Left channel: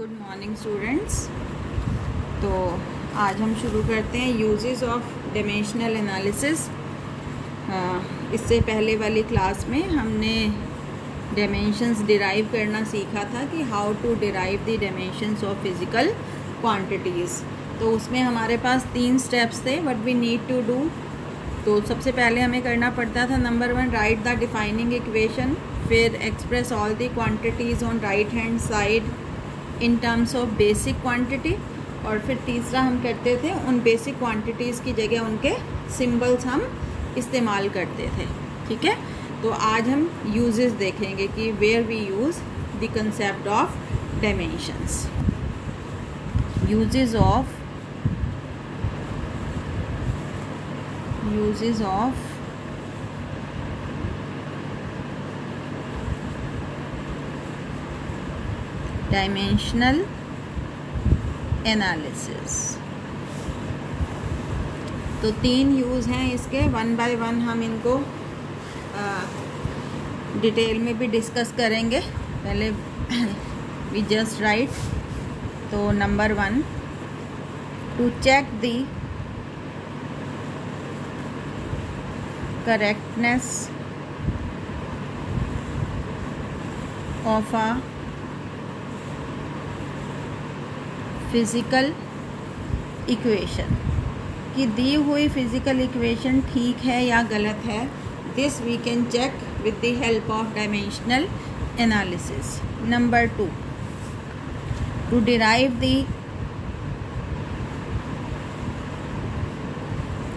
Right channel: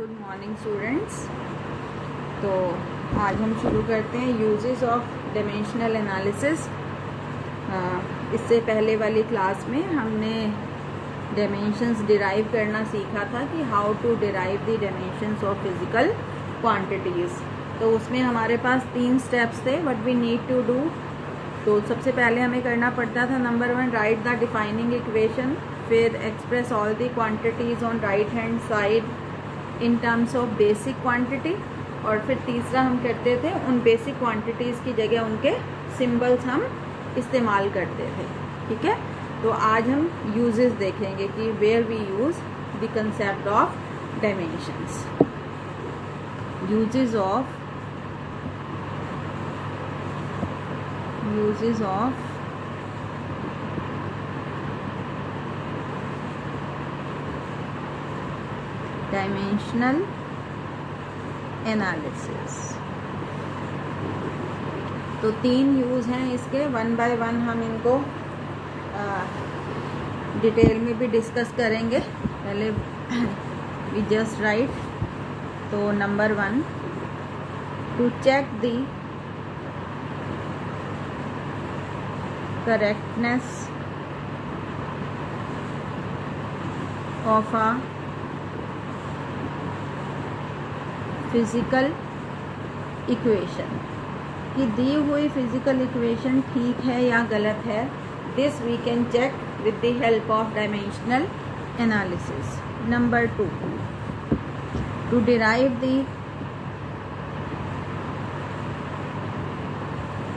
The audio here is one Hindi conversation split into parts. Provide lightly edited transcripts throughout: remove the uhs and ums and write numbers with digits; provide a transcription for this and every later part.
Good morning students. तो आज हम शुरू करते हैं यूजेस ऑफ डायमेंशनल एनालिसिस। इससे पहले वाली क्लास में हमने डायमेंशंस डिराइव करना सीखा था कि how to derive the dimensions of physical quantities. तो उसमें हमारे पास 3 स्टेप्स थे what we need to do. तो सबसे पहले हमें करना पड़ता था number 1 write the defining equation, फिर express all the quantities on right hand side in terms of basic quantity, और फिर तीसरा हम करते थे उन बेसिक क्वांटिटीज़ की जगह उनके सिंबल्स हम इस्तेमाल करते थे। ठीक है, तो आज हम यूजेस देखेंगे कि where we use the concept of dimensions. Uses of dimensional analysis. तो 3 यूज़ हैं इसके, 1 बाय 1 हम इनको डिटेल में भी डिस्कस करेंगे। पहले वी जस्ट राइट। तो number 1 to check the correctness of a physical equation, कि दी हुई फिज़िकल इक्वेशन ठीक है या गलत है। This we can check with the help of dimensional analysis. Number 2 to derive the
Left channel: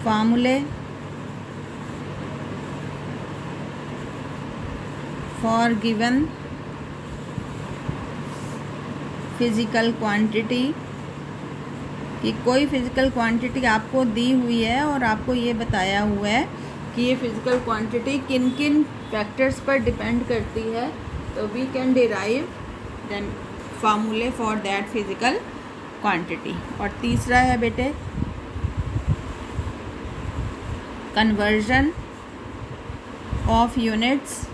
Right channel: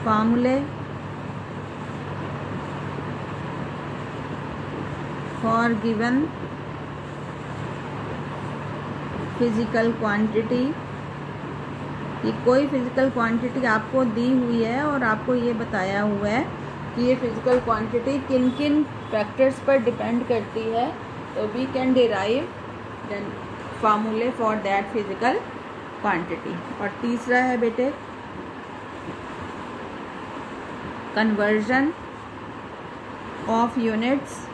formulae for given physical quantity, कि कोई फिज़िकल क्वांटिटी आपको दी हुई है और आपको ये बताया हुआ है कि ये फिज़िकल क्वांटिटी किन किन फैक्टर्स पर डिपेंड करती है। तो we can derive formulae for that physical quantity. और तीसरा है बेटे conversion of units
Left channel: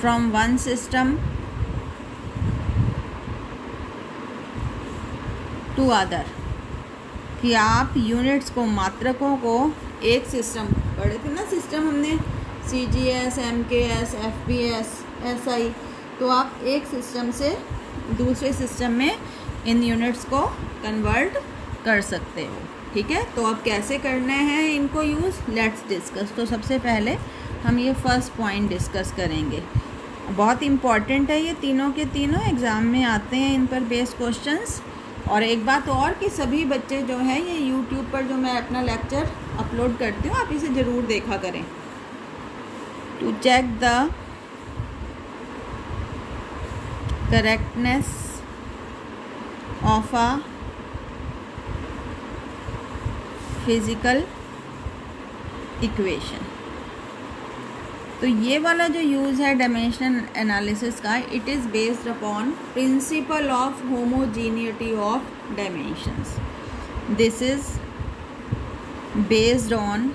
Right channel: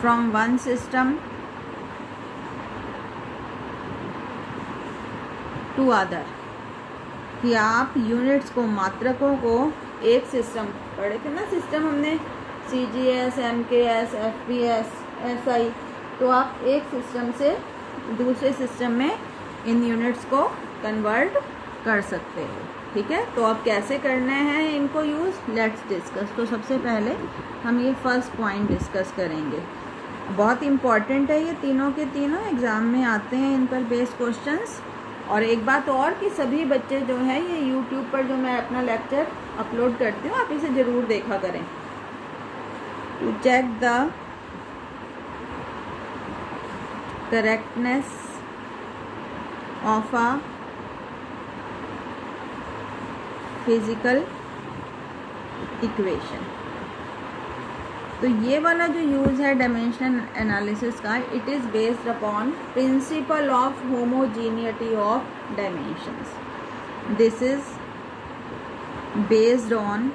from one system to other, कि आप यूनिट्स को, मात्रकों को एक सिस्टम, पढ़े थे ना सिस्टम हमने CGS, MKS, FBS, SI, तो आप एक सिस्टम से दूसरे सिस्टम में इन यूनिट्स को कन्वर्ट कर सकते हो। ठीक है, तो अब कैसे करना है इनको यूज़, लेट्स डिस्कस। तो सबसे पहले हम ये फर्स्ट पॉइंट डिस्कस करेंगे। बहुत इम्पॉर्टेंट है, ये तीनों के तीनों एग्ज़ाम में आते हैं, इन पर बेस्ड क्वेश्चंस। और एक बात और कि सभी बच्चे जो है ये YouTube पर जो मैं अपना लेक्चर अपलोड करती हूँ, आप इसे ज़रूर देखा करें। To check the correctness of a physical equation. तो ये वाला जो यूज़ है डायमेंशनल एनालिसिस का, it is based upon principle of homogeneity of dimensions. This is based on,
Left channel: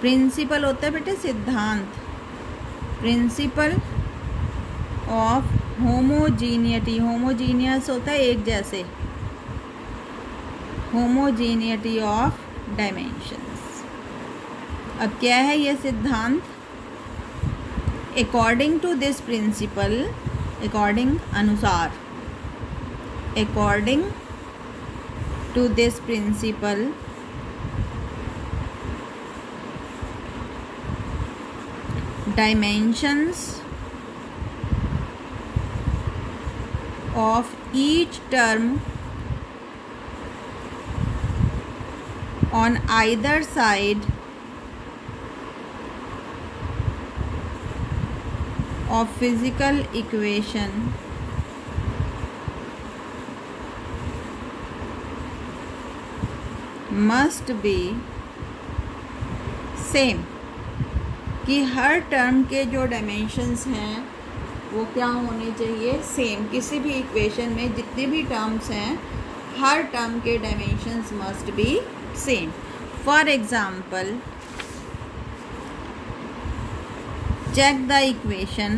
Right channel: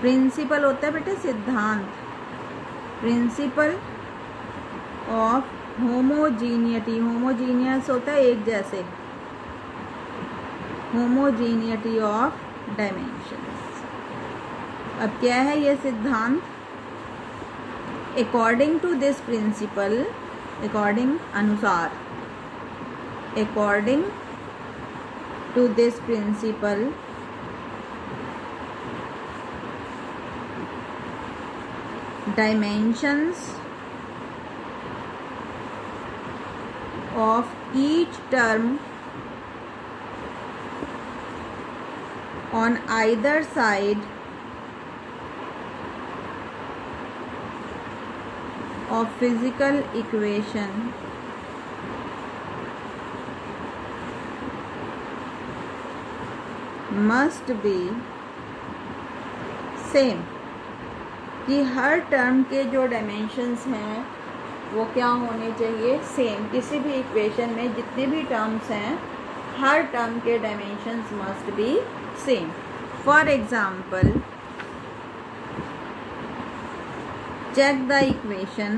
principle होता है बेटे सिद्धांत, प्रिंसिपल ऑफ होमोजीनियटी, होमोजीनियस होता है एक जैसे, होमोजीनियटी ऑफ डायमेंशंस। अब क्या है ये सिद्धांत? According to this principle, according अनुसार, according to this principle dimensions of each term on either side of physical equation must be same, कि हर टर्म के जो डायमेंशंस हैं वो क्या होने चाहिए, सेम। किसी भी इक्वेशन में जितनी भी टर्म्स हैं, हर टर्म के dimensions must be same. For example check the equation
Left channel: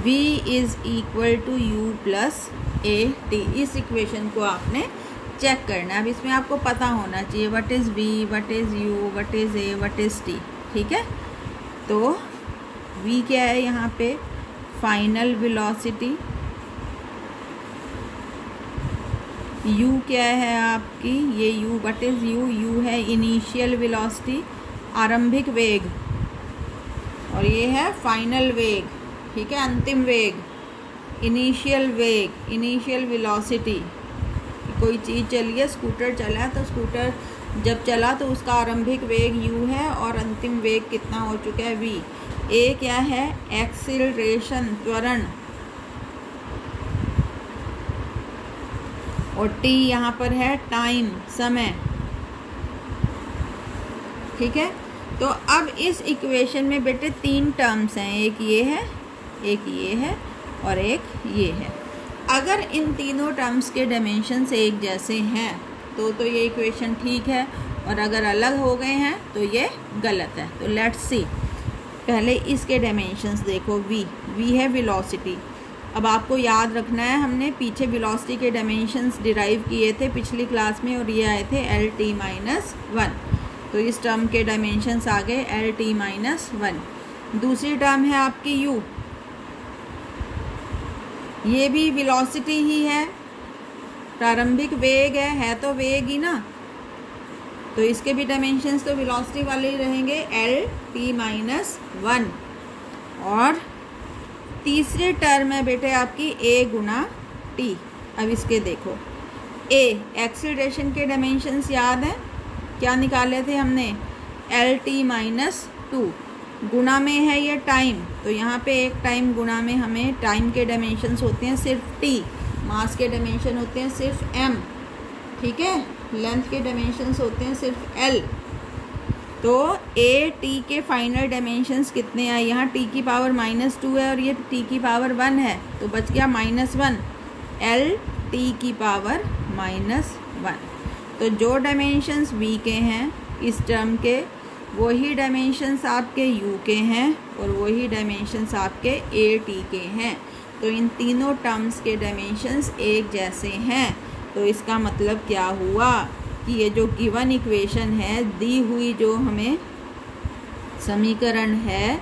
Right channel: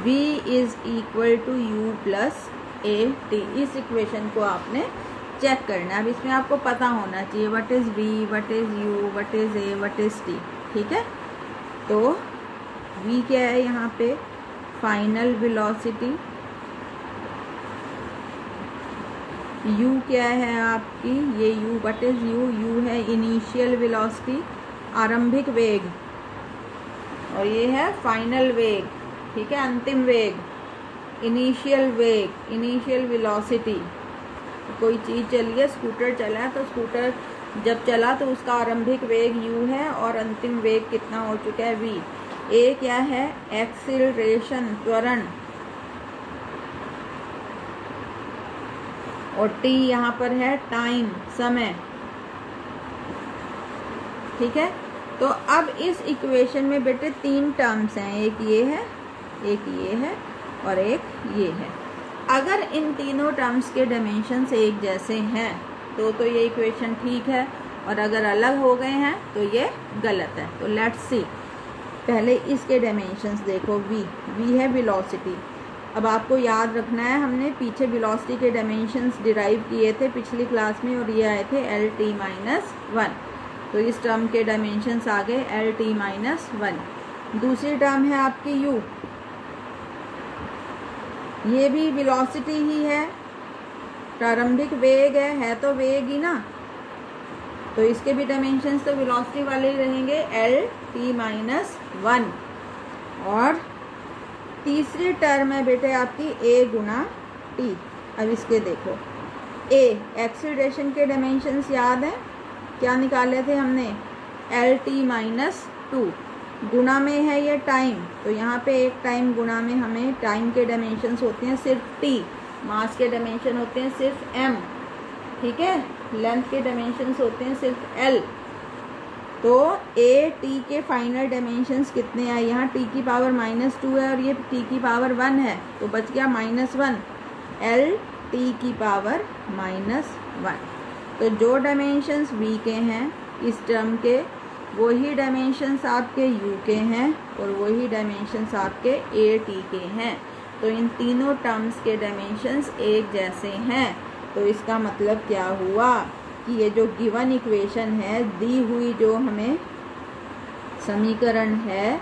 v is equal to u plus A T. इस इक्वेशन को आपने चेक करना है। अब इसमें आपको पता होना चाहिए what is v, what is u, what is a, what is t। ठीक है, तो v क्या है यहाँ पे, फाइनल वेलोसिटी, u क्या है आपकी, ये u, व्हाट इज़ u है इनिशियल वेलोसिटी, आरंभिक वेग, और ये है फाइनल वेग। ठीक है, अंतिम वेग, इनिशियल वेग, इनिशियल वेलोसिटी। कोई चीज़ चली है, स्कूटर चला तो स्कूटर जब चला तो उसका आरंभिक वेग u है और अंतिम वेग कितना हो चुका है v। a क्या है, एक्सीलरेशन, त्वरण, और t यहाँ पर है टाइम, समय। ठीक है, तो अब इस इक्वेशन में बेटे 3 टर्म्स हैं, एक ये है, एक ये है और एक ये है। अगर इन तीनों टर्म्स के डायमेंशंस एक जैसे हैं तो ये इक्वेशन ठीक है, और अगर अलग हो गए हैं तो ये गलत है। तो लेट्स सी, पहले इसके डायमेंशंस देखो। v है वेलोसिटी। अब आपको याद रखना है, हमने पीछे वेलोसिटी के डायमेंशंस डिराइव किए थे पिछली क्लास में, और ये आए थे LT-1। तो इस टर्म के डायमेंशंस आ गए LT-1। दूसरी टर्म है आपकी u, ये भी वेलोसिटी ही है, प्रारंभिक वेग है तो वेग ही ना, तो इसके भी डायमेंशंस तो वेलोसिटी वाले ही रहेंगे, LT-1। और तीसरी टर्म है बेटे आपकी a गुना t। अब इसके देखो, a एक्सीलरेशन के डायमेंशंस याद है, क्या निकाले थे हमने, LT-2। गुना में है ये टाइम, तो यहाँ पे एक टाइम गुना में हमें टाइम के डायमेंशंस होते हैं सिर्फ t, मास के डायमेंशन होते हैं सिर्फ m। ठीक है, लेंथ के डायमेंशंस होते हैं सिर्फ l। तो a t के फाइनल डायमेंशंस कितने हैं, यहाँ t की पावर -2 है और ये t की पावर 1 है, तो बच गया -1, l t की पावर -1। तो जो डायमेंशंस v के हैं इस टर्म के, वही डायमेंशंस आपके u के हैं और वही डायमेंशंस आपके a t के हैं। तो इन तीनों टर्म्स के डायमेंशंस एक जैसे हैं। तो इसका मतलब क्या हुआ कि ये जो गिवन इक्वेशन है, दी हुई जो हमें समीकरण है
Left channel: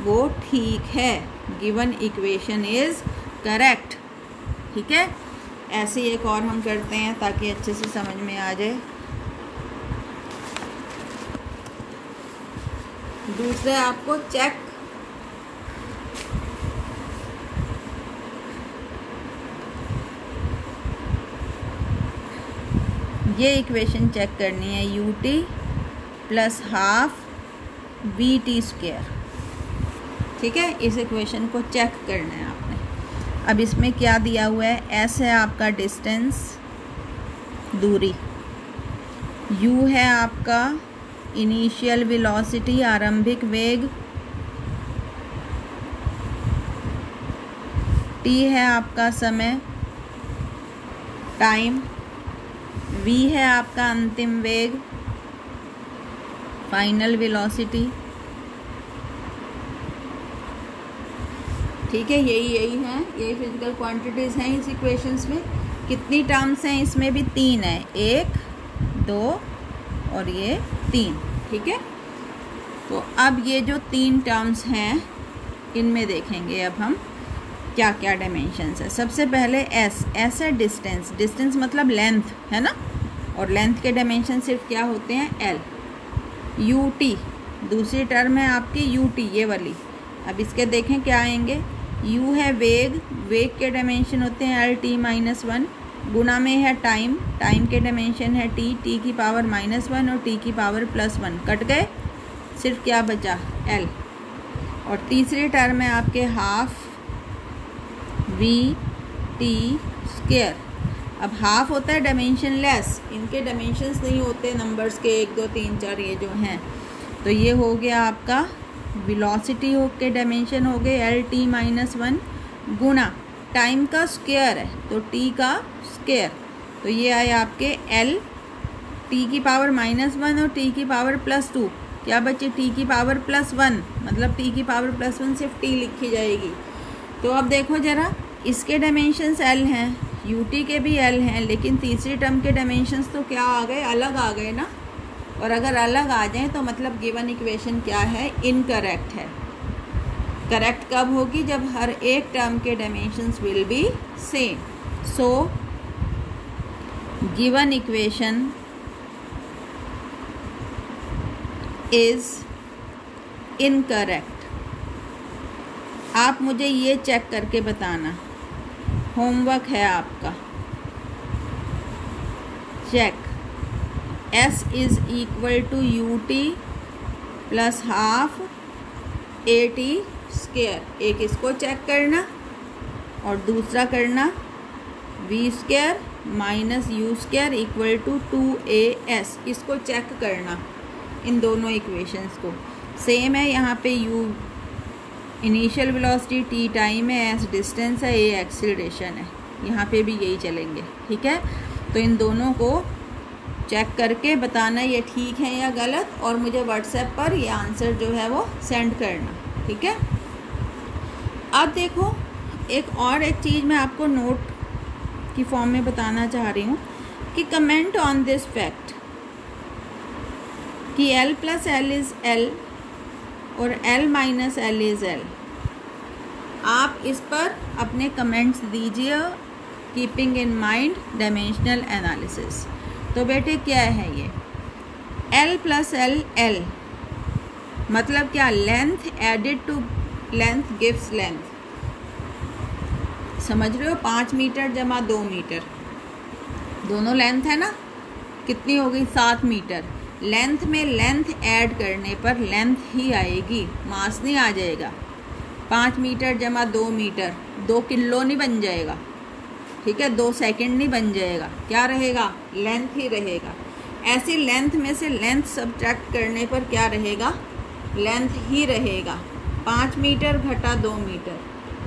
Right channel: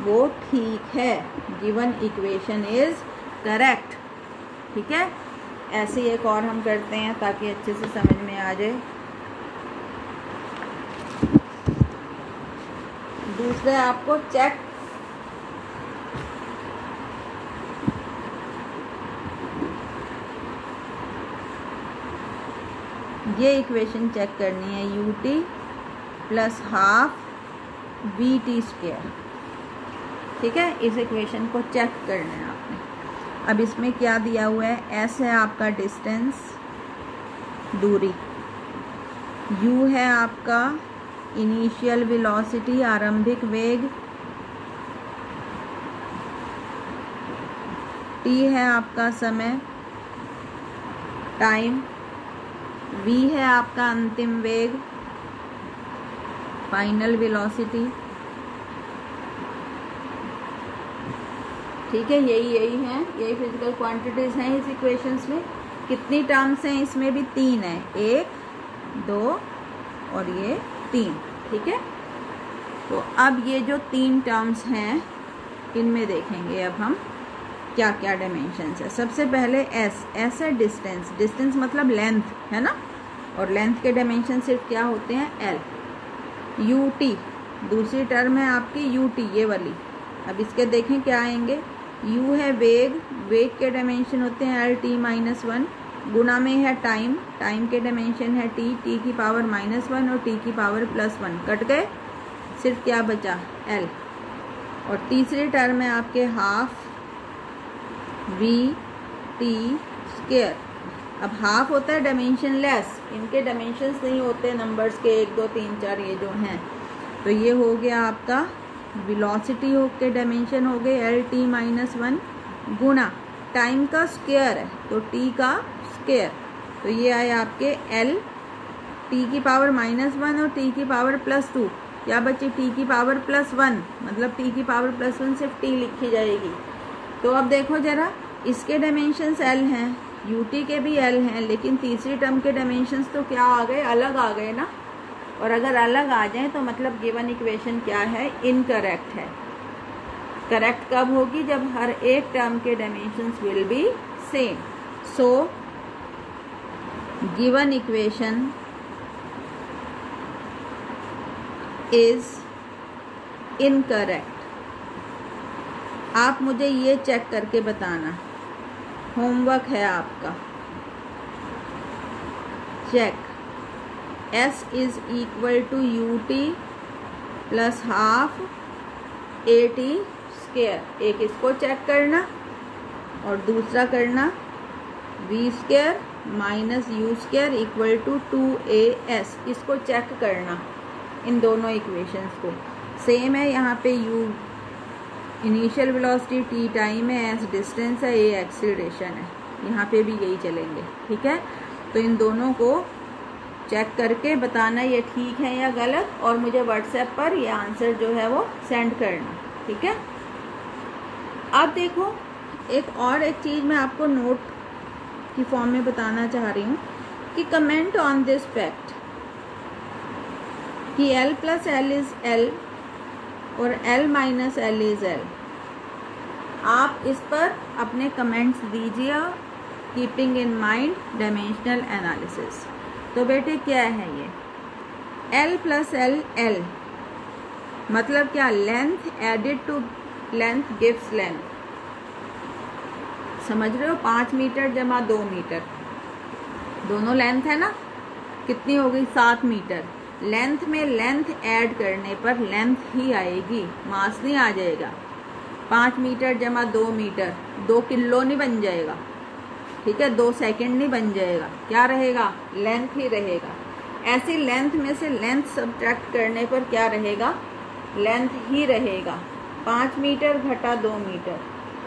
वो ठीक है, गिवन इक्वेशन इज करेक्ट। ठीक है, ऐसे एक और हम करते हैं ताकि अच्छे से समझ में आ जाए। दूसरे आपको चेक ये इक्वेशन चेक करनी है, ut प्लस हाफ vt²। ठीक है, इस इक्वेशन को चेक करना है आपने। अब इसमें क्या दिया हुआ है, s है आपका डिस्टेंस, दूरी, u है आपका इनिशियल वेलोसिटी, आरंभिक वेग, t है आपका समय, टाइम, v है आपका अंतिम वेग, फाइनल वेलोसिटी। ठीक है, यही है, यही फिजिकल क्वांटिटीज हैं इस इक्वेशंस में। कितनी टर्म्स हैं इसमें भी, 3 है, 1, 2 और ये 3। ठीक है, तो अब ये जो 3 टर्म्स हैं इनमें देखेंगे अब हम क्या क्या डायमेंशंस है। सबसे पहले s है डिस्टेंस, डिस्टेंस मतलब लेंथ है ना, और लेंथ के डायमेंशन सिर्फ क्या होते हैं, l। ut दूसरी टर्म है आपकी ut, ये वाली। अब इसके देखें क्या आएंगे, u है वेग, वेग के डायमेंशन होते हैं LT-1, गुना में है टाइम, टाइम के डायमेंशन है t, t की पावर -1 और t की पावर +1। कट गए, सिर्फ क्या बचा, l। और तीसरी टर्म है आपके हाफ vt²। अब हाफ होता है डायमेंशन लेस, इनके डायमेंशंस नहीं होते नंबर्स के 1 2 3 4 ये जो हैं। तो ये हो गया आपका वेलोसिटी के डायमेंशन हो गए LT-1 गुना टाइम का स्क्वायर है तो t का स्क्वायर, तो ये आए आपके l t की पावर -1 और t की पावर +2। क्या बचे, t की पावर +1, मतलब t की पावर +1 सिर्फ t लिखी जाएगी। तो अब देखो ज़रा, इसके डायमेंशंस एल हैं, यूटी के भी एल हैं, लेकिन तीसरी टर्म के डायमेंशंस तो क्या आ गए, अलग आ गए ना। और अगर अलग आ जाए तो मतलब गिवन इक्वेशन क्या है, इनकरेक्ट है। करेक्ट कब होगी, जब हर एक टर्म के dimensions will be same. So given equation is incorrect. आप मुझे ये चेक करके बताना, होमवर्क है आपका। Check S is equal to UT plus half AT square. एक इसको चेक करना और दूसरा करना V square minus U square equal to 2AS। इसको चेक करना, इन दोनों इक्वेशंस को। सेम है, यहाँ पे U initial velocity, T time है, S डिस्टेंस है, A एक्सीलरेशन है। यहाँ पे भी यही चलेंगे, ठीक है। तो इन दोनों को चेक करके बताना ये ठीक है या गलत, और मुझे व्हाट्सएप पर ये आंसर जो है वो सेंड करना, ठीक है। अब देखो, एक चीज़ मैं आपको नोट की फॉर्म में बताना चाह रही हूँ कि कमेंट ऑन दिस फैक्ट कि L plus L is L और L minus L is L। आप इस पर अपने कमेंट्स दीजिए, keeping in mind dimensional analysis. तो बेटे क्या है ये, L प्लस एल L मतलब क्या, length added to length gives length. समझ रहे हो, 5 मीटर जमा 2 मीटर, दोनों लेंथ है ना, कितनी हो गई, 7 मीटर। लेंथ में लेंथ ऐड करने पर लेंथ ही आएगी, मास नहीं आ जाएगा। 5 मीटर जमा 2 मीटर 2 किलो नहीं बन जाएगा, ठीक है, 2 सेकंड नहीं बन जाएगा, क्या रहेगा, लेंथ ही रहेगा। ऐसी लेंथ में से लेंथ सब्ट्रैक्ट करने पर क्या रहेगा, लेंथ ही रहेगा। 5 मीटर घटा 2 मीटर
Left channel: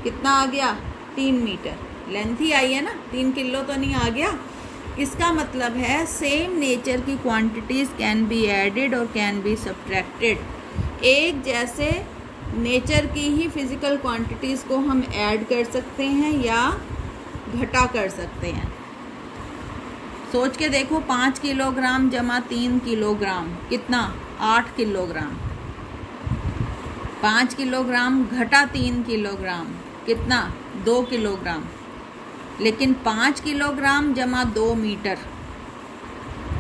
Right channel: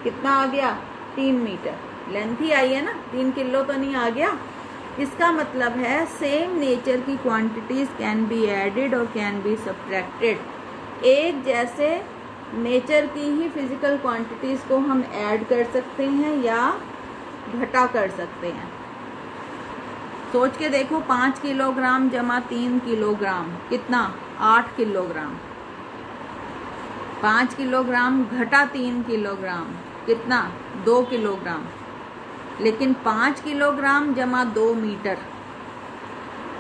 कितना आ गया, 3 मीटर, लेंथ ही आई है ना, 3 किलो तो नहीं आ गया। इसका मतलब है सेम नेचर की क्वांटिटीज़ कैन बी एडेड और कैन बी सब्ट्रैक्टेड। एक जैसे नेचर की ही फिजिकल क्वांटिटीज़ को हम ऐड कर सकते हैं या घटा कर सकते हैं। सोच के देखो, 5 किलोग्राम जमा 3 किलोग्राम कितना, 8 किलोग्राम। 5 किलोग्राम घटा 3 किलोग्राम कितना, 2 किलोग्राम। लेकिन 5 किलोग्राम जमा 2 मीटर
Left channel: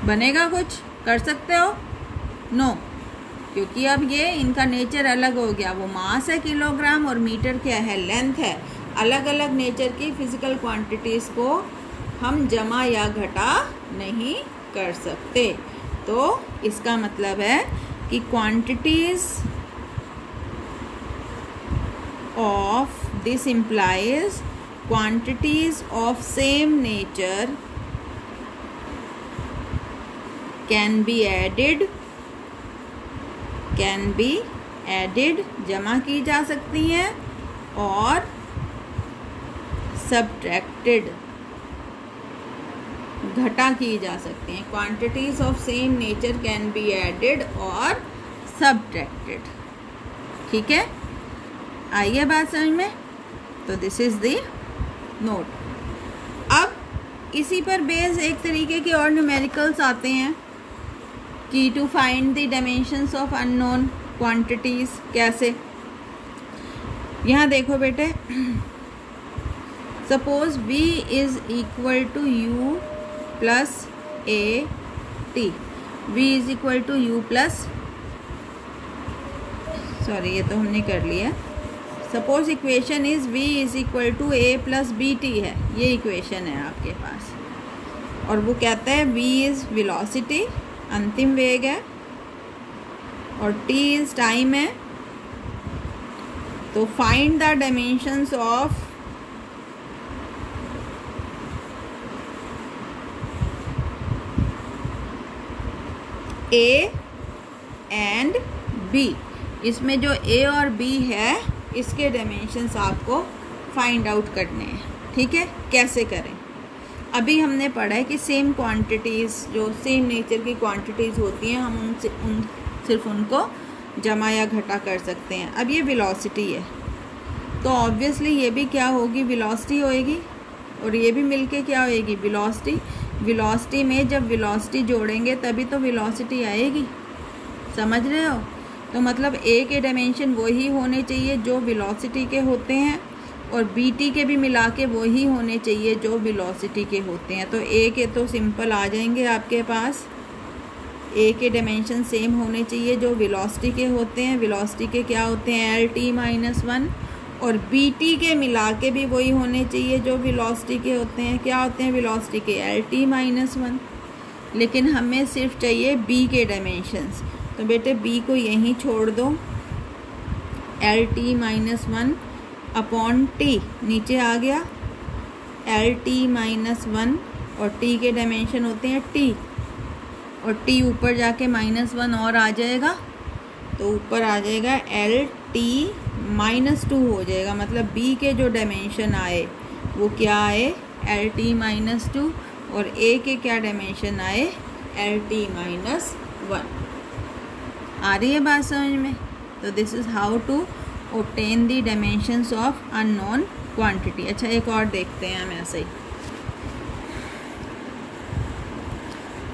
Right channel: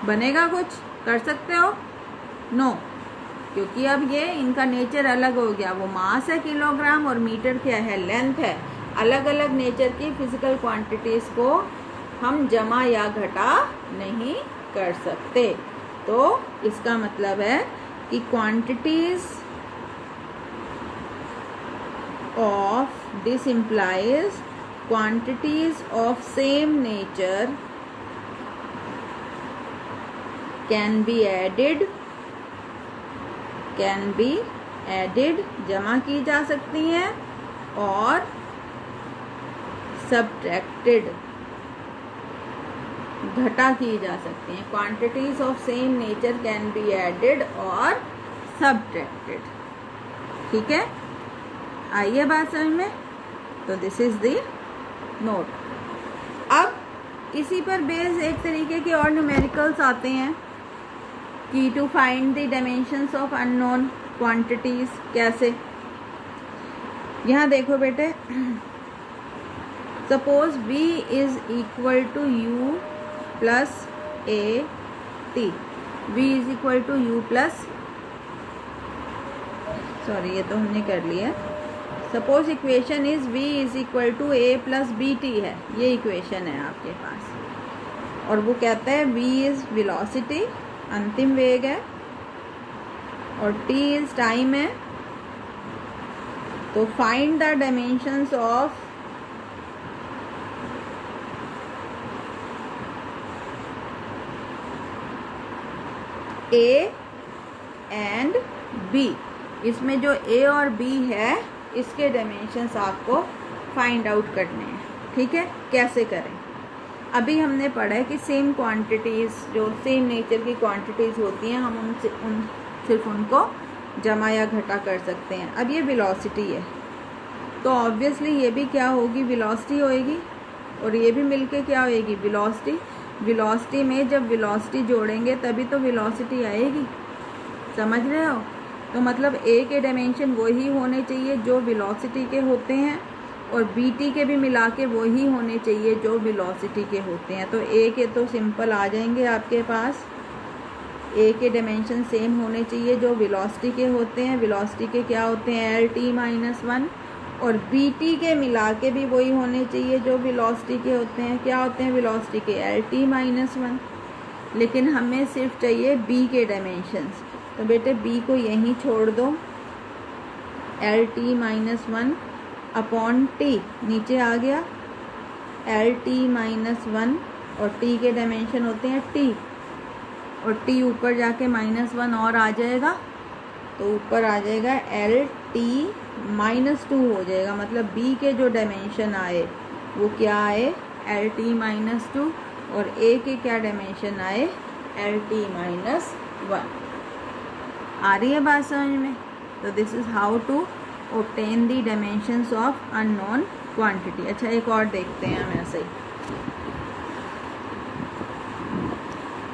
बनेगा, कुछ कर सकते हो, नो, क्योंकि अब ये इनका नेचर अलग हो गया। वो मास है किलोग्राम और मीटर क्या है, लेंथ है। अलग अलग नेचर की फिजिकल क्वांटिटीज़ को हम जमा या घटा नहीं कर सकते। तो इसका मतलब है कि quantities of this implies quantities of same nature can be added जमा की जा सकती हैं और subtracted घटा की जा सकती हैं। quantities of same nature can be added और subtracted, ठीक है। आइए बात समझ में। तो दिस इज द नोट। अब इसी पर बेस एक तरीके के और न्यूमेरिकल्स आते हैं कि to find the dimensions of unknown quantities. कैसे, यहाँ देखो बेटे, suppose V is equal to U plus AT। V is equal to U plus, sorry ये तो हमने कर लिया। Suppose equation is V is equal to A plus BT है, ये इक्वेशन है आपके पास। और वो कहते हैं V इज वेलोसिटी, अंतिम वेग है, और T इज टाइम है। तो find the dimensions of A and B। इसमें जो A और B है इसके डायमेंशंस आपको फाइंड आउट करने हैं, ठीक है। कैसे करें, अभी हमने पढ़ा है कि सेम क्वांटिटीज़, जो सेम नेचर की क्वांटिटीज़ होती हैं, हम सिर्फ उनको जमा या घटा कर सकते हैं। अब ये वेलोसिटी है, तो ऑब्वियसली ये भी क्या होगी, वेलोसिटी होएगी, और ये भी मिलके क्या होएगी, वेलोसिटी। वेलोसिटी में जब वेलोसिटी जोड़ेंगे तभी तो वेलोसिटी आएगी, समझ रहे हो। तो मतलब ए के डायमेंशन वही होने चाहिए जो वेलोसिटी के होते हैं, और बी टी के भी मिला के वही होने चाहिए जो वेलोसिटी के होते हैं। तो ए के तो सिंपल आ जाएंगे आपके पास, ए के डायमेंशन सेम होने चाहिए जो वेलोसिटी के होते हैं। वेलोसिटी के क्या होते हैं, एल टी माइनस 1, और बी टी के मिला के भी वही होने चाहिए जो वेलोसिटी के होते हैं। क्या होते हैं वेलोसिटी के, एल टी माइनस 1। लेकिन हमें सिर्फ चाहिए बी के डायमेंशंस, तो बेटे बी को यहीं छोड़ दो, L T minus 1 upon T नीचे आ गया, एल टी माइनस 1, और टी के डायमेंशन होते हैं टी, और टी ऊपर जाके -1 और आ जाएगा, तो ऊपर आ जाएगा एल टी माइनस 2 हो जाएगा। मतलब बी के जो डायमेंशन आए वो क्या आए, एल टी माइनस 2, और ए के क्या डायमेंशन आए, एल टी माइनस 1। आ रही है बात समझ में। तो this is how to obtain the dimensions of unknown quantity। अच्छा एक और देखते हैं हम ऐसे ही।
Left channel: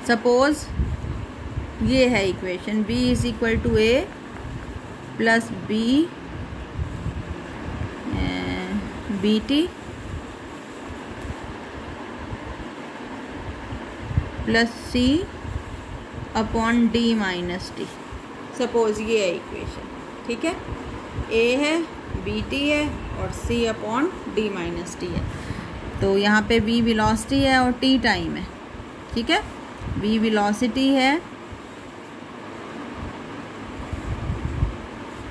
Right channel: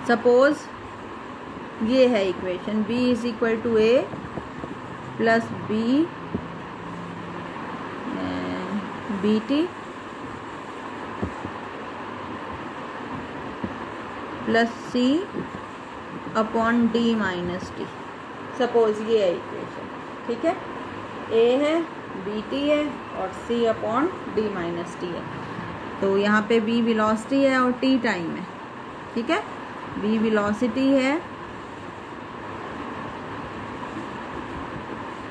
सपोज ये है equation, b is equal to a plus b B T plus c upon d minus T. Suppose ये है इक्वेशन, ठीक है। a है, बी टी है, और c upon d minus T है। तो यहाँ पे b वेलोसिटी है और t टाइम है, ठीक है। b वेलोसिटी है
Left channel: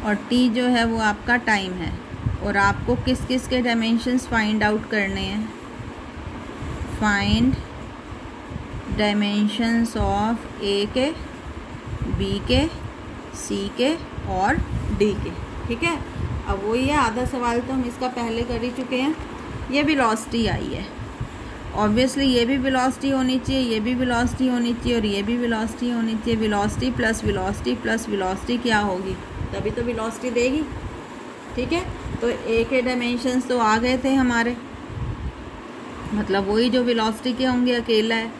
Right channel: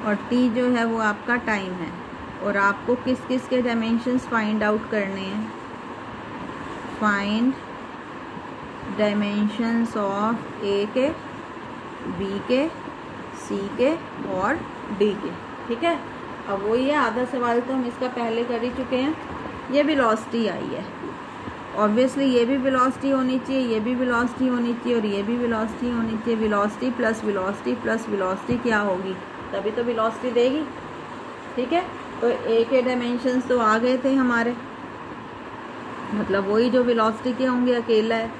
और t जो है वो आपका टाइम है, और आपको किस किस के डायमेंशंस फाइंड आउट करने हैं, फाइंड डायमेंशंस ऑफ a के, b के, c के और d के, ठीक है। अब वही है, आधा सवाल तो हम इसका पहले कर ही चुके हैं। ये वेलोसिटी आई है, ऑब्वियसली ये भी वेलोसिटी होनी चाहिए, ये भी वेलोसिटी होनी चाहिए, और ये भी वेलोसिटी होनी चाहिए। Velocity plus velocity plus velocity क्या होगी, तभी तो वेलोसिटी देगी, ठीक है। तो ए के डायमेंशंस तो आ गए थे हमारे, मतलब वही जो वेलोसिटी के होंगे अकेला है।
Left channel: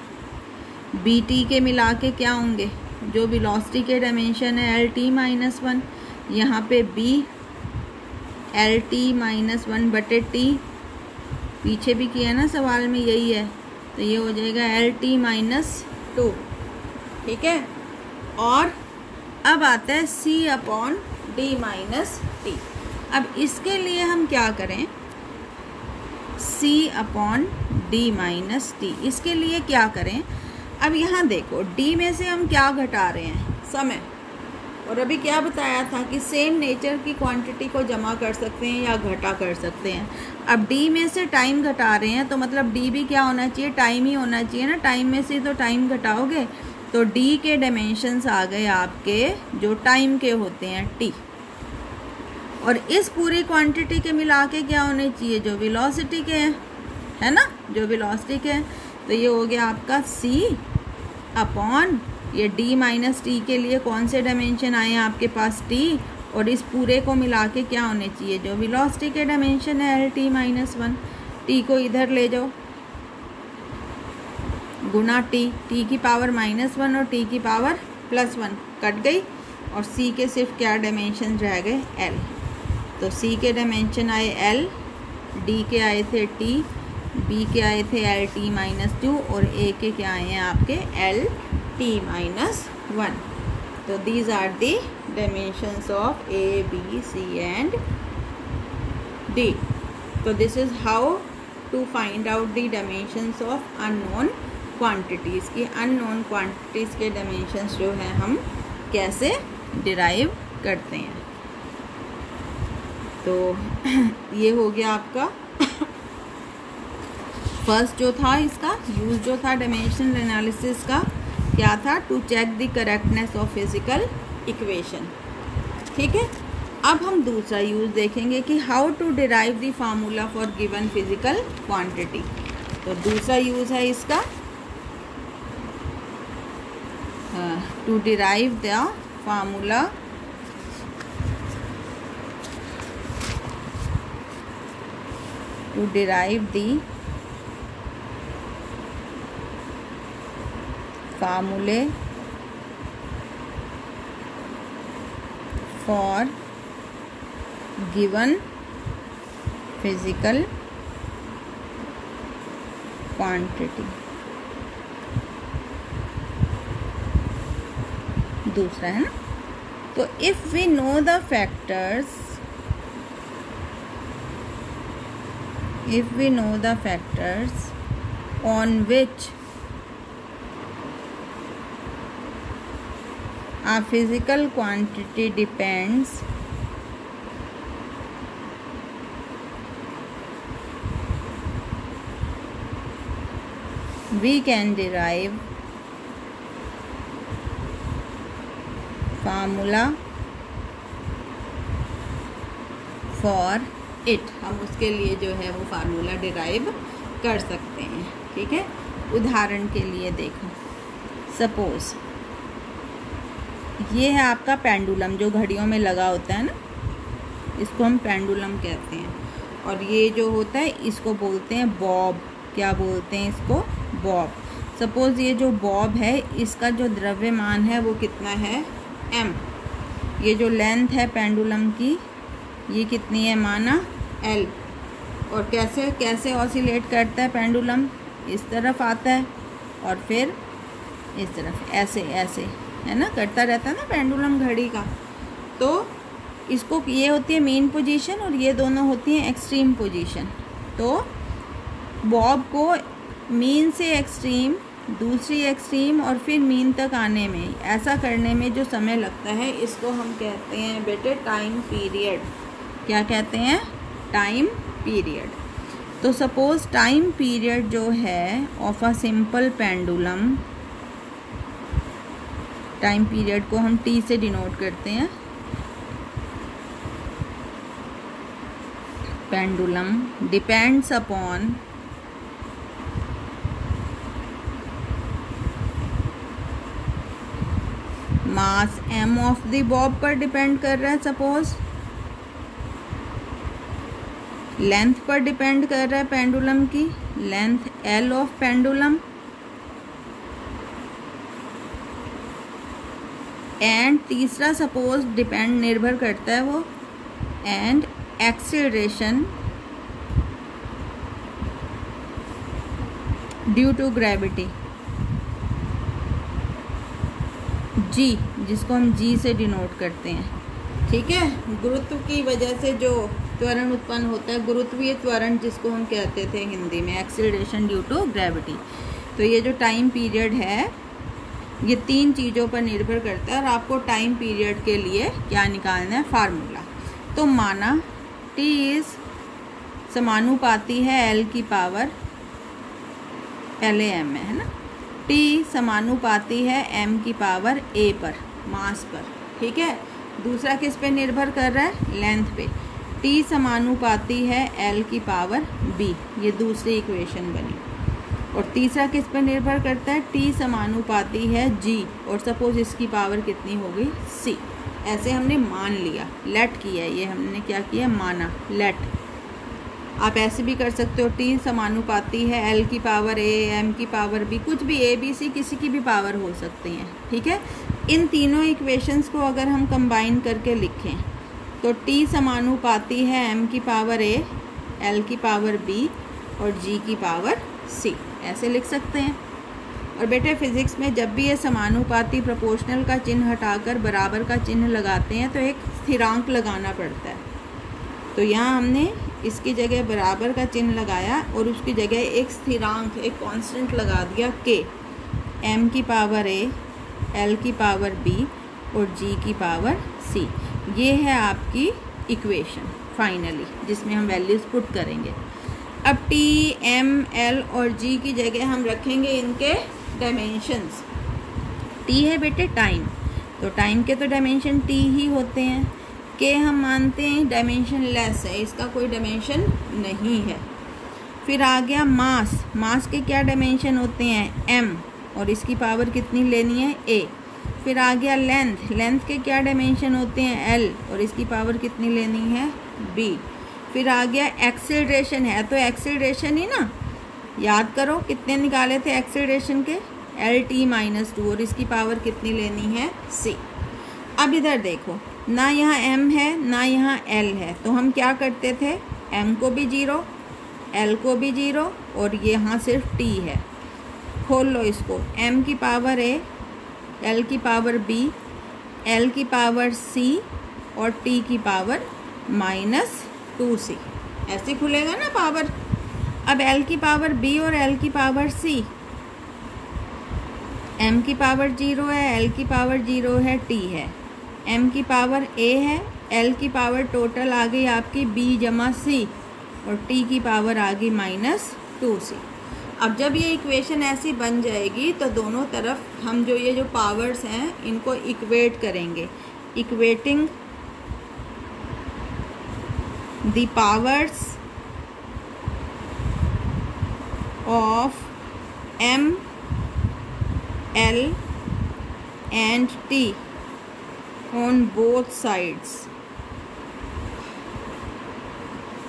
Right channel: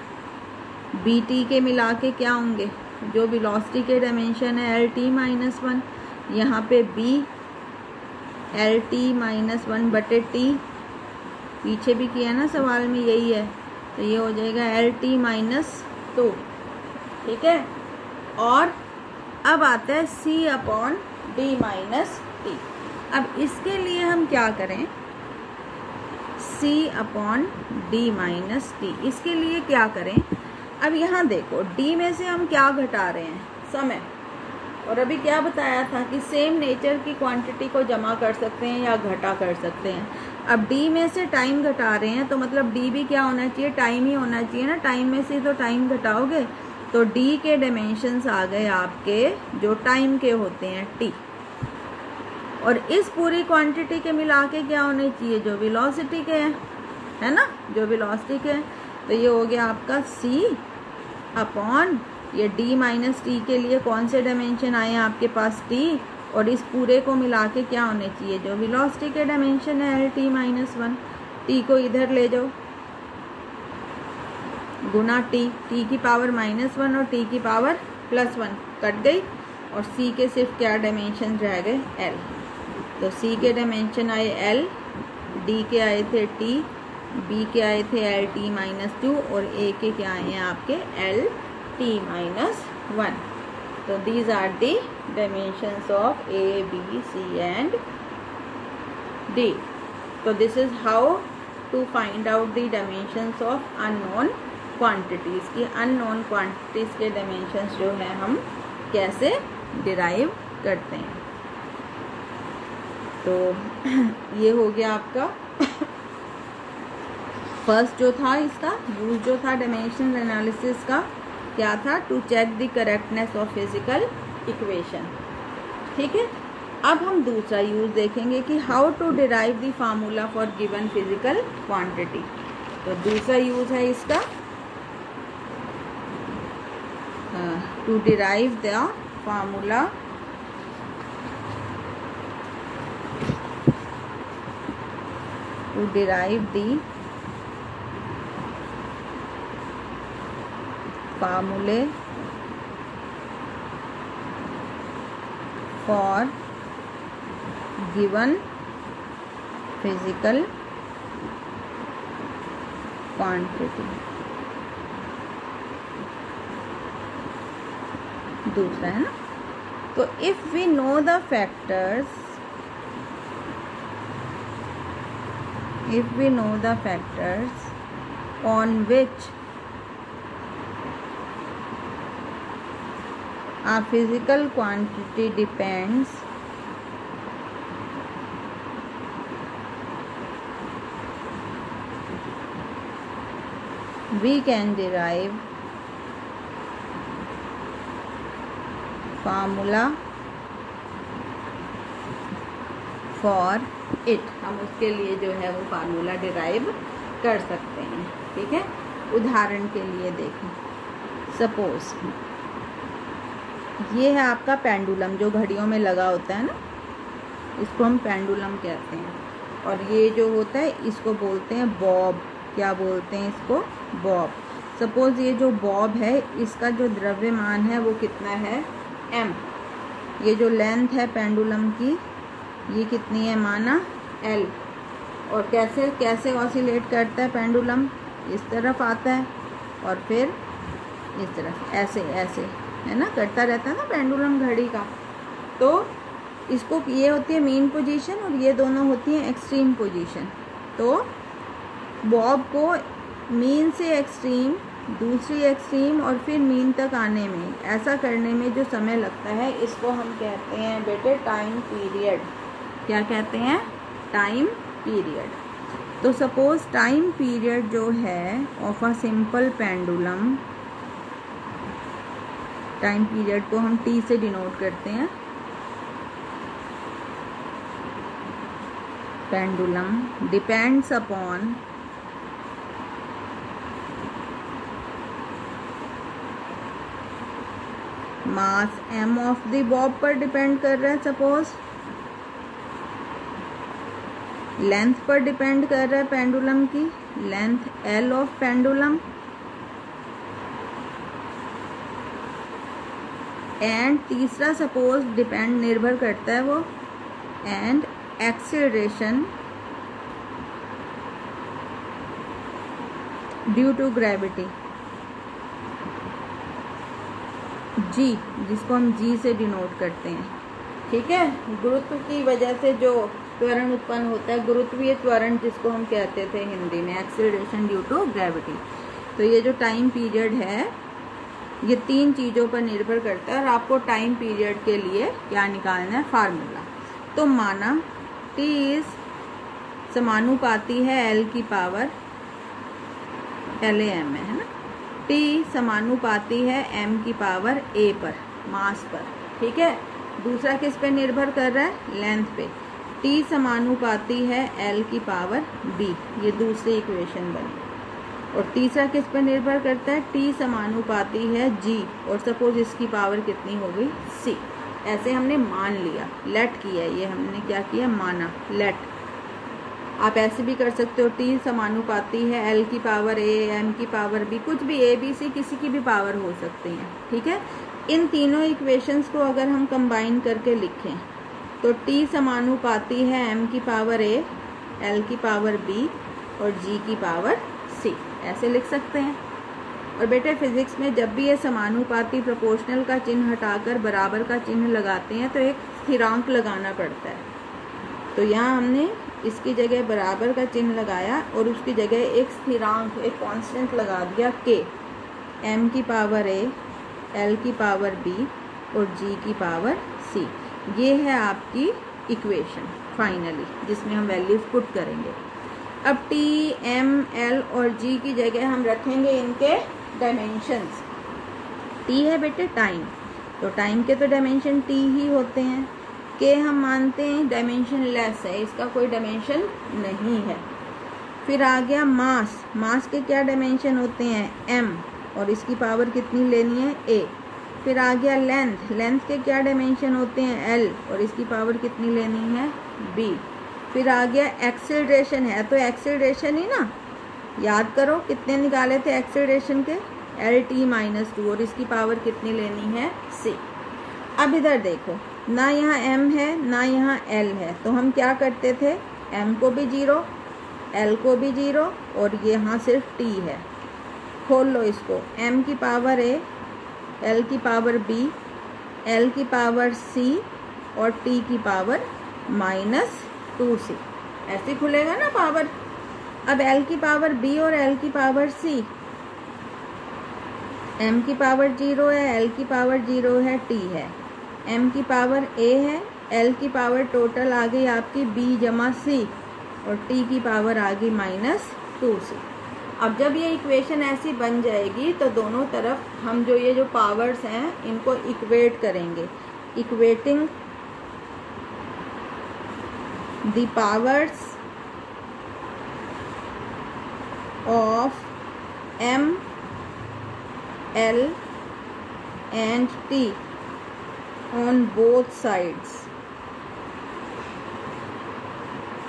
बी टी के मिला के क्या होंगे, जो वेलोसिटी के डायमेंशन है एल टी माइनस 1, यहाँ पे बी एल टी माइनस 1 बटे टी, पीछे भी किया ना सवाल में यही है, तो ये हो जाएगा एल टी माइनस 2, ठीक है। और अब आता है c upon d minus T. अब इसके लिए हम क्या करें, c upon d minus T, इसके लिए क्या करें। अब यहाँ देखो d में से हम क्या घटा रहे हैं, समय, और अभी क्या बताया था कि सेम नेचर की क्वांटिटी को जमा कर सकते हैं या घटा कर सकते हैं। अब d में से टाइम घटा रहे हैं, तो मतलब d भी क्या होना चाहिए, टाइम ही होना चाहिए ना। टाइम में से तो टाइम घटाओगे, तो d के डायमेंशंस आ गए आपके जो टाइम के होते हैं t, और इस पूरी क्वांटिटी के मिला के क्या होने चाहिए, जो वेलोसिटी के हैं, है ना, जो वेलोसिटी के हैं। तो ये हो गया आपका c अपॉन ये d माइनस टी के लिए कौन से डायमेंशन आए हैं आपके पास, t, और इस पूरे को मिला के क्या होने चाहिए, जो वेलोसिटी के डायमेंशन है एल टी माइनस 1। t को इधर ले जाओ, गुना t की पावर -1 और t की पावर +1 कट गई, और c के सिर्फ क्या डायमेंशन रह गए, l। तो c के डायमेंशन आए l, d के आए थे t, b के आए थे एल टी माइनस 2, और a के क्या आए हैं आपके एल टी माइनस 1। तो these are the dimensions of a, b, c and d। तो this is how to find out the dimensions of unknown quantities की। अननोन क्वांटिटीज़ के डायमेंशंस जो हैं हम कैसे डिराइव करते हैं। तो ये हो गया आपका फर्स्ट जो था, इसका यूज जो था डायमेंशनल एनालिसिस का क्या था, to check the correctness of physical equation, ठीक है। अब हम दूसरा यूज देखेंगे कि how to derive the formula for given physical quantity. तो दूसरा यूज है इसका to derive the formula to derive the formulae for given physical quantity। दूसरा है ना, तो if we know the factors on which a physical quantity depends, we can derive formula for it। हम उसके लिए जो है वो फार्मूला डिराइव कर सकते हैं। ठीक है, उदाहरण के लिए देखो, सपोज ये है आपका पेंडुलम जो घड़ियों में लगा होता है ना, इसको हम पेंडुलम कहते हैं। और ये जो होता है इसको बोलते हैं बॉब। क्या बोलते हैं इसको? बॉब। सपोज ये जो बॉब है इसका जो द्रव्यमान है वो कितना है? m। ये जो लेंथ है पेंडुलम की ये कितनी है माना? l। और कैसे कैसे ऑसिलेट करता है पेंडुलम? इस तरफ आता है और फिर इस तरफ, ऐसे ऐसे है ना, करता रहता है ना पेंडुलम घड़ी का। तो इसको ये होती है मीन पोजीशन और ये दोनों होती हैं एक्सट्रीम पोजीशन। तो बॉब को मीन से एक्सट्रीम, दूसरी एक्सट्रीम और फिर मीन तक आने में, ऐसा करने में जो समय लगता है इसको हम कहते हैं बेटे टाइम पीरियड। क्या कहते हैं? Time period. तो सपोज टाइम पीरियड जो है of a simple pendulum, time period को हम टी से डिनोट करते हैं। Pendulum depends upon mass m of the Bob पर डिपेंड कर रहा है, सपोज लेंथ पर डिपेंड कर रहा है पेंडुलम की, length l of pendulum, and तीसरा सपोज डिपेंड निर्भर करता है वो and acceleration due to gravity g, जिसको हम g से डिनोट करते हैं। ठीक है, गुरुत्व की वजह से जो त्वरण उत्पन्न होता है, गुरुत्वीय त्वरण जिसको हम कहते थे हिंदी में, एक्सेलरेशन ड्यू टू ग्रेविटी। तो ये जो टाइम पीरियड है ये तीन चीज़ों पर निर्भर करता है और आपको टाइम पीरियड के लिए क्या निकालना है? फार्मूला। तो माना t इज समानुपाती है l की पावर LAM में, है ना, t समानुपाती है m की पावर a पर, मास पर। ठीक है, दूसरा किस पे निर्भर कर रहा है? लेंथ पे। t समानुपाती है l की पावर b, ये दूसरी इक्वेशन बनी। और तीसरा किस पर निर्भर करता है? t समानुपाती है g, और सपोज इसकी पावर कितनी हो गई? c। ऐसे हमने मान लिया, लेट किया, ये हमने क्या किया? माना, लेट। आप ऐसे भी कर सकते हो, t समानुपाती है l की पावर a, m की पावर b, कुछ भी a b c किसी की भी पावर हो सकती हैं। ठीक है, इन तीनों इक्वेशंस को अगर हम कंबाइन करके लिखें तो t समानुपाती है m की पावर a, l की पावर b और g की पावर c, ऐसे लिख सकते हैं। और बेटे फिजिक्स में जब भी ये समानुपाती प्रोपोर्शनल का चिन्ह हटाकर बराबर का चिन्ह लगाते हैं तो एक स्थिरांक लगाना पड़ता है। तो यहाँ हमने इसकी जगह बराबर का चिन्ह लगाया और उसकी जगह एक स्थिरांक, एक कांस्टेंट लगा दिया k, m की पावर a, l की पावर b और g की पावर c। ये है आपकी इक्वेशन फाइनली, जिसमें हम वैल्यूज पुट करेंगे। अब t, m, l और g की जगह हम रखेंगे इनके डायमेंशंस। t है बेटे टाइम, तो टाइम के तो डायमेंशन t ही होते हैं। k हम मानते हैं डायमेंशन लेस है, इसका कोई डायमेंशन नहीं है। फिर आ गया मास, मास के क्या डायमेंशन होते हैं? m, और इसकी पावर कितनी लेनी है? a। फिर आ गया लेंथ, लेंथ के क्या डायमेंशन होते हैं? l, और इसकी पावर कितनी लेनी है? b। फिर आ गया एक्सेलरेशन, है तो एक्सेलरेशन ही ना, याद करो कितने निकाले थे एक्सेलरेशन के, LT-2, और इसकी पावर कितनी लेनी है, c। अब इधर देखो, ना यहाँ m है ना यहाँ l है, तो हम क्या करते थे, m को भी 0, l को भी 0, और यहाँ सिर्फ t है। खोल लो इसको, m की पावर a, l की पावर b, l की पावर c और t की पावर -2c, ऐसे खुलेगा ना पावर। अब l की पावर b और l की पावर c, m की पावर 0 है, l की पावर 0 है, t है, m की पावर a है, l की पावर टोटल आ गई आपकी b जमा c, और t की पावर आ गई -2c। अब जब ये इक्वेशन ऐसी बन जाएगी तो दोनों तरफ हम ये जो पावर्स हैं इनको इक्वेट करेंगे। Equating the powers of m, l and t on both sides।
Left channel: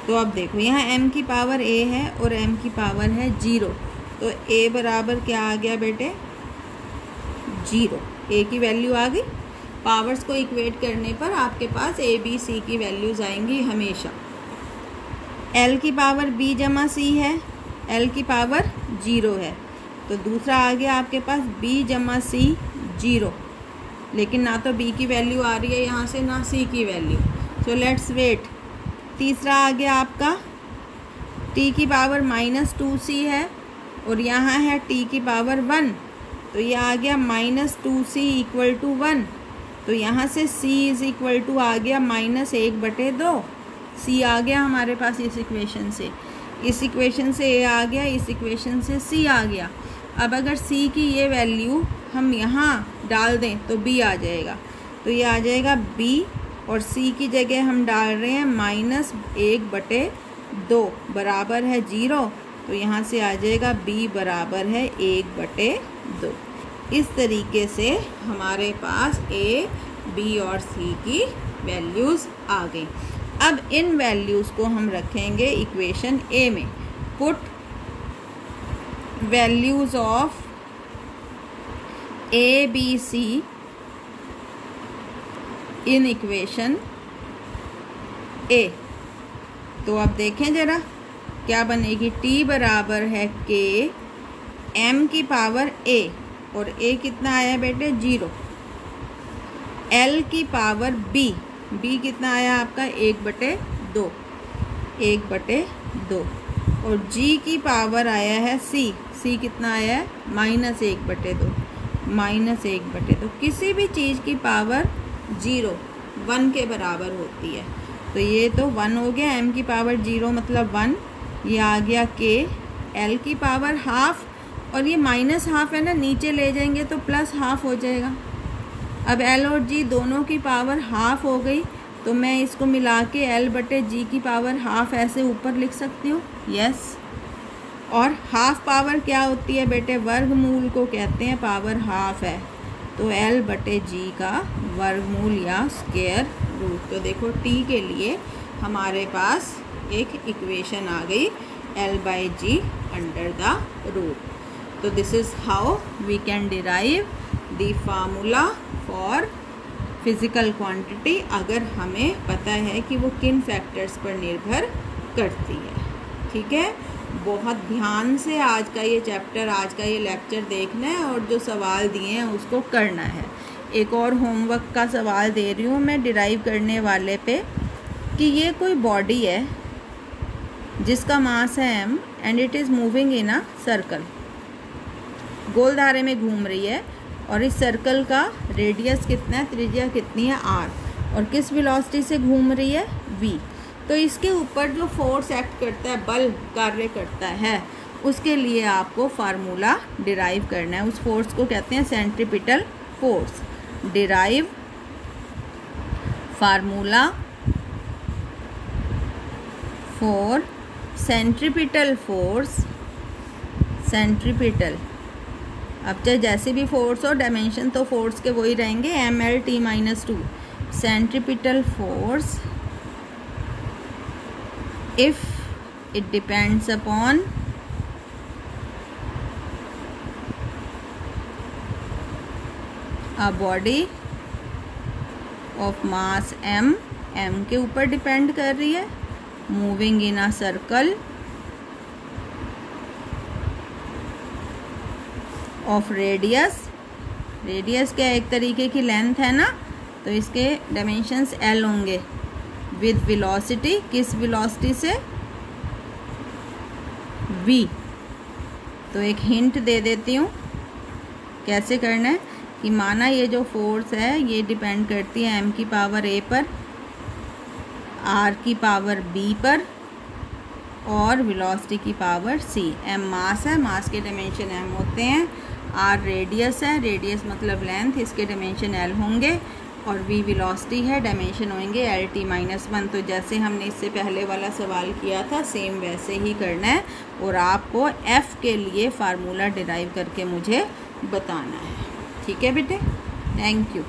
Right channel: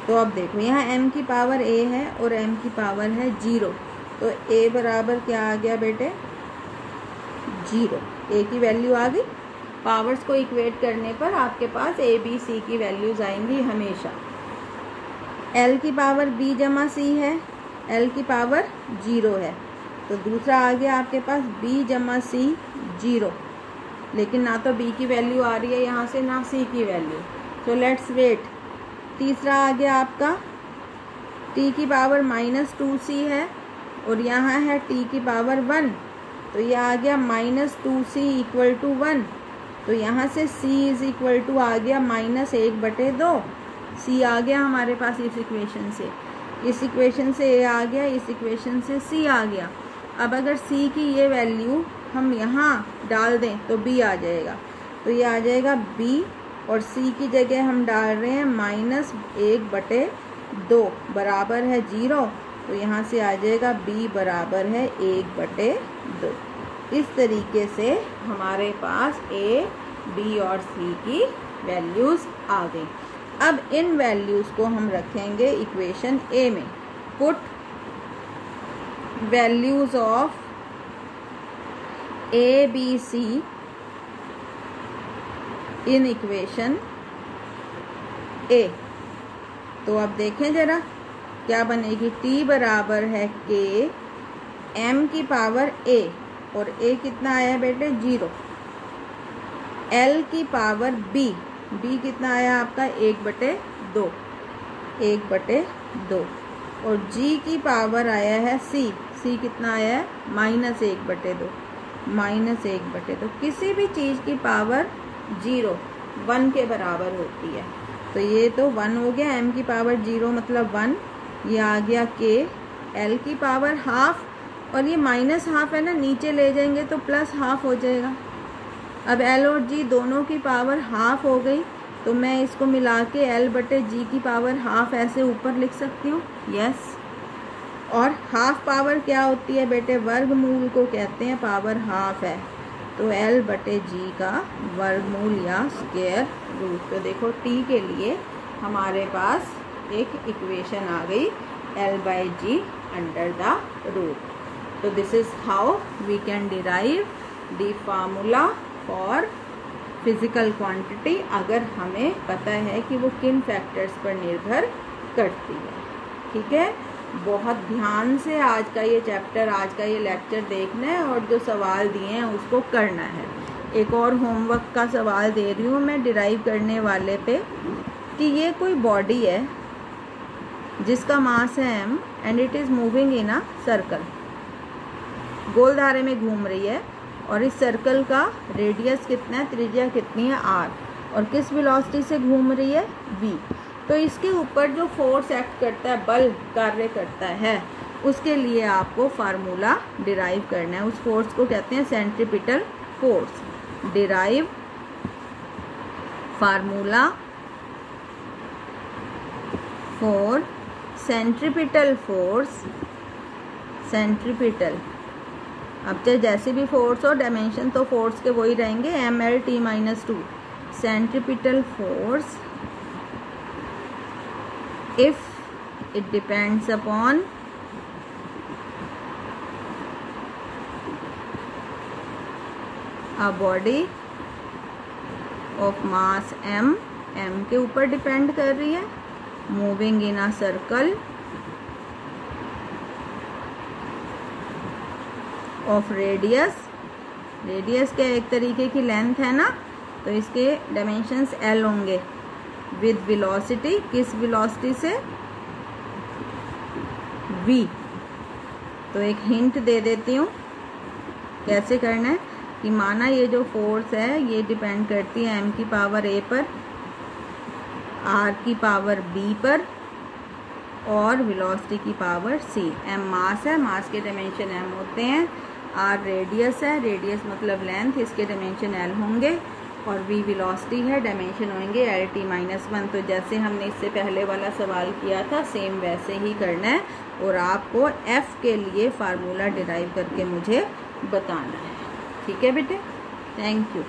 तो अब देखो यहाँ m की पावर a है और m की पावर है 0, तो a बराबर क्या आ गया बेटे, 0, a की वैल्यू आ गई। पावर्स को इक्वेट करने पर आपके पास a b c की वैल्यूज आएंगी हमेशा। l की पावर b जमा c है, l की पावर 0 है, तो दूसरा आ गया आपके पास b जमा c 0, लेकिन ना तो b की वैल्यू आ रही है यहाँ से ना c की वैल्यू, सो लेट्स वेट। तीसरा आ गया आपका t की पावर -2c है और यहाँ है t की पावर 1, तो ये आ गया -2c = 1, तो यहाँ से c = आ गया -1/2, c आ गया हमारे पास इस इक्वेशन से। इस इक्वेशन से a आ गया, इस इक्वेशन से c आ गया। अब अगर c की ये वैल्यू हम यहाँ डाल दें तो b आ जाएगा, तो ये आ जाएगा b, और c की जगह हम डाल रहे हैं -1/2 बराबर है 0, तो यहाँ से आ जाएगा b बराबर है 1/2। इस तरीके से हमारे पास a, b और c की वैल्यूज़ आ गई। अब इन वैल्यूज़ को हम रखेंगे इक्वेशन a में। Put values of a, b, c in equation a। तो अब देखें जरा क्या बनेगी, t बराबर है k, m की पावर a, और a कितना आया बेटे 0, l की पावर b, b कितना आया आपका 1/2, 1/2, और g की पावर आया है c, c कितना आया है -1/2, -1/2। किसी भी चीज़ की पावर 0 1 के बराबर होती है, तो ये तो 1 हो गया, m की पावर 0 मतलब 1, ये आ गया k, l की पावर हाफ, और ये -1/2 है ना, नीचे ले जाएंगे तो +1/2 हो जाएगा। अब l और g दोनों की पावर हाफ हो गई, तो मैं इसको मिला के l/g की पावर हाफ ऐसे ऊपर लिख सकती हूँ, यस। और हाफ पावर क्या होती है बेटे, वर्गमूल को कहते हैं पावर हाफ है, तो l/g का वर्गमूल या स्क्वायर रूट। तो देखो t के लिए हमारे पास एक इक्वेशन आ गई l/g अंडर द रूट। तो this is how we can derive the formula for physical quantity, अगर हमें पता है कि वो किन फैक्टर्स पर निर्भर करती है। ठीक है, बहुत ध्यान से आज का ये चैप्टर, आज का ये लेक्चर देखना है और जो सवाल दिए हैं उसको करना है। एक और होमवर्क का सवाल दे रही हूँ मैं डिराइव करने वाले पे, कि ये कोई बॉडी है जिसका मास है m and it is moving in a circle, गोल धारे में घूम रही है, और इस सर्कल का रेडियस कितना है, त्रिज्या कितनी है r, और किस वेलोसिटी से घूम रही है v। तो इसके ऊपर जो फोर्स एक्ट करता है, बल कार्य करता है, उसके लिए आपको फार्मूला डिराइव करना है। उस फोर्स को कहते हैं centripetal force. Derive formula for centripetal force, centripetal, अब चाहे जैसे भी फोर्स हो, डायमेंशन तो फोर्स के वही रहेंगे, mLT-2, centripetal force if it depends upon a body of mass m, m के ऊपर डिपेंड कर रही है, moving in a circle of radius, radius क्या एक तरीके की लेंथ है ना, तो इसके डायमेंशंस l होंगे, विद वेलोसिटी, किस वेलोसिटी से, v। तो एक हिंट दे देती हूँ कैसे करना है, कि माना ये जो फोर्स है ये डिपेंड करती है m की पावर a पर, r की पावर b पर और वेलोसिटी की पावर c। m मास है, मास के डायमेंशन m होते हैं, r रेडियस है, रेडियस मतलब लेंथ, इसके डायमेंशन l होंगे, और v वेलोसिटी है, डायमेंशन होंगे lt-1। तो जैसे हमने इससे पहले वाला सवाल किया था सेम वैसे ही करना है, और आपको f के लिए फार्मूला डिराइव करके मुझे बताना है। ठीक है बेटे, थैंक यू।